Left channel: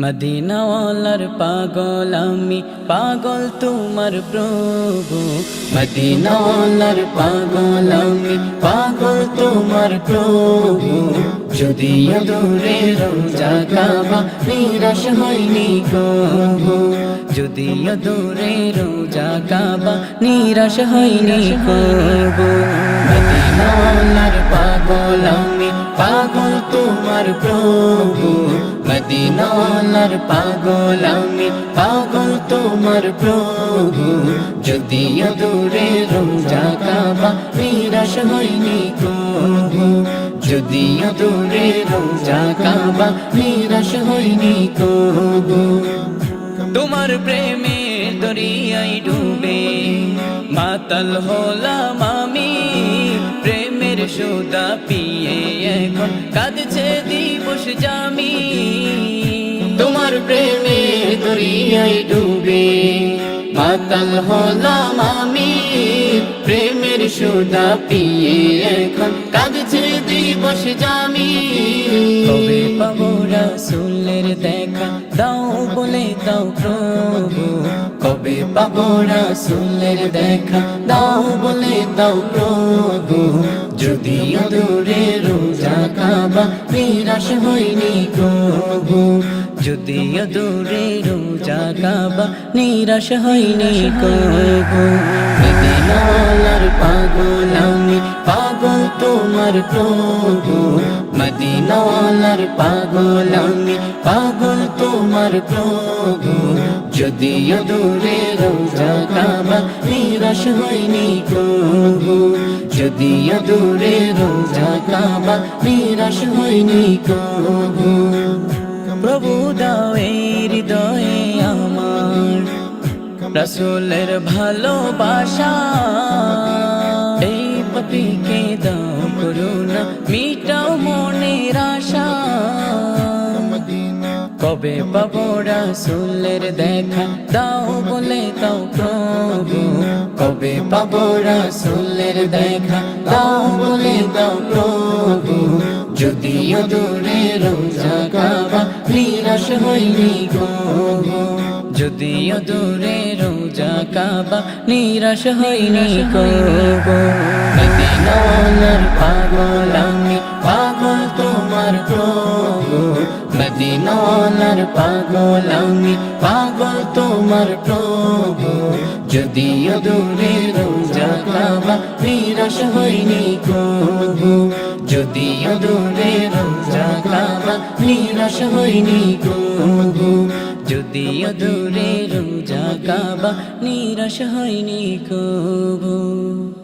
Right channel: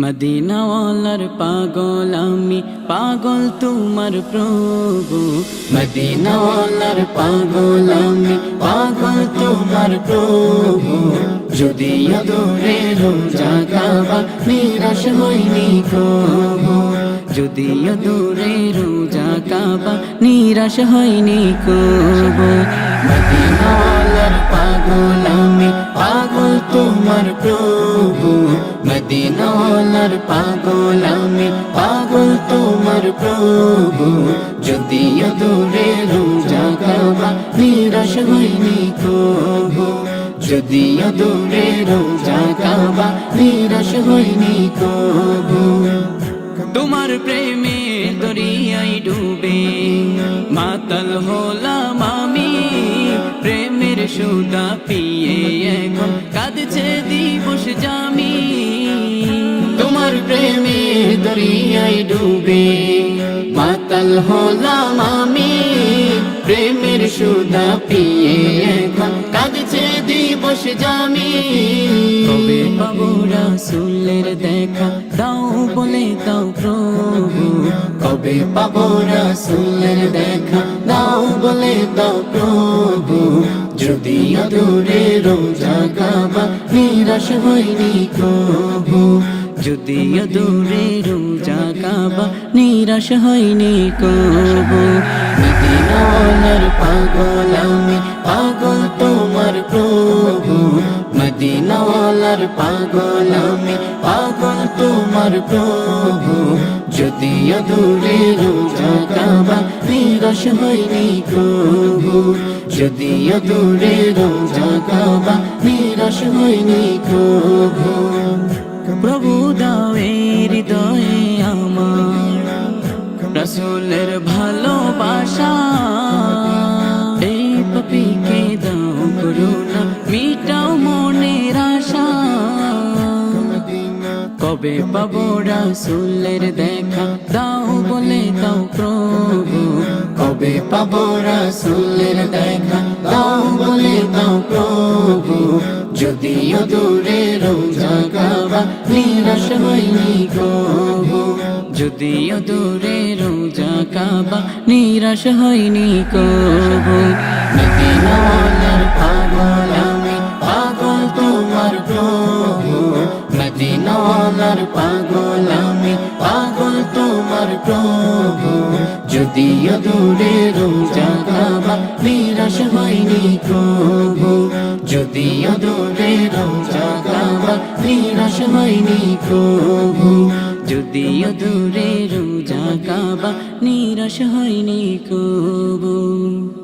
মদিনাওয়ালার পাগল আমি, পাগল তোমার প্রভু। মদিনাওয়ালার পাগল আমি, পাগল তোমার প্রভু। যদিও দূরে রোজা কাবা, নিরাশ হয়নি কবু। যদিও দূরে রোজা কাবা, নিরাশ হয়নি কবু। মদিনাওয়ালার পাগল আমি, পাগল তোমার প্রভু। মদিনাওয়ালার পাগল আমি, পাগল তোমার প্রভু। যদিও দূরে রোজা কাবা, নিরাশ হয়নি কবু। যদিও দূরে রোজা কাবা, নিরাশ হয়নি কবু। তোমার প্রেমের দরিয়ায় ডুবে মাতাল হলাম আমি, প্রেমের সুদা পিয়ে এখন কাঁদছে দিবস জামি। তোমার প্রেমের দরিয়ায় ডুবে মাতাল হলাম আমি, প্রেমের সুদা পিয়ে এখন কাঁদছে দিবস জামি। কবে পাবো রাসূলের দেখা, দাও বলে দাও প্রভু। কবে পাবো রাসূলের দেখা, দাও বলে দাও প্রভু। যদিও দূরে রোজা কাবা, নিরাশ হয়নি কবু। যদিও দূরে রোজা কাবা, নিরাশ হয়নি কবু। মদিনাওয়ালার পাগল আমি, পাগল তোমার প্রভু। মদিনাওয়ালার পাগল আমি, পাগল তোমার প্রভু। যদিও দূরে রোজা কাবা, নিরাশ হয়নি কবু। যদিও দূরে রোজা কাবা, নিরাশ হয়নি কবু। প্রভু দাও এই হৃদয়ে আমার রাসূলের ভালোবাসা, এই পাপীকে দাও করুণা, মিটাও মনের আশা। কবে পাবো রাসূলের দেখা, দাও বলে দাও প্রভু। কবে পাবো রাসূলের দেখা, দাও বলে দাও প্রভু। যদিও দূরে রোজা কাবা, নিরাশ হয়নি কবু। যদিও দূরে রোজা কাবা, নিরাশ হয়নি কবু। মদিনাওয়ালার পাগল আমি, পাগল তোমার প্রভু। মদিনাওয়ালার পাগল আমি, পাগল তোমার প্রভু। যদিও দূরে রোজা কাবা, নিরাশ হয়নি কবু। যদিও দূরে রোজা কাবা, নিরাশ হয়নি কবু। যদিও দূরে রোজা কাবা, নিরাশ হয়নি কবু।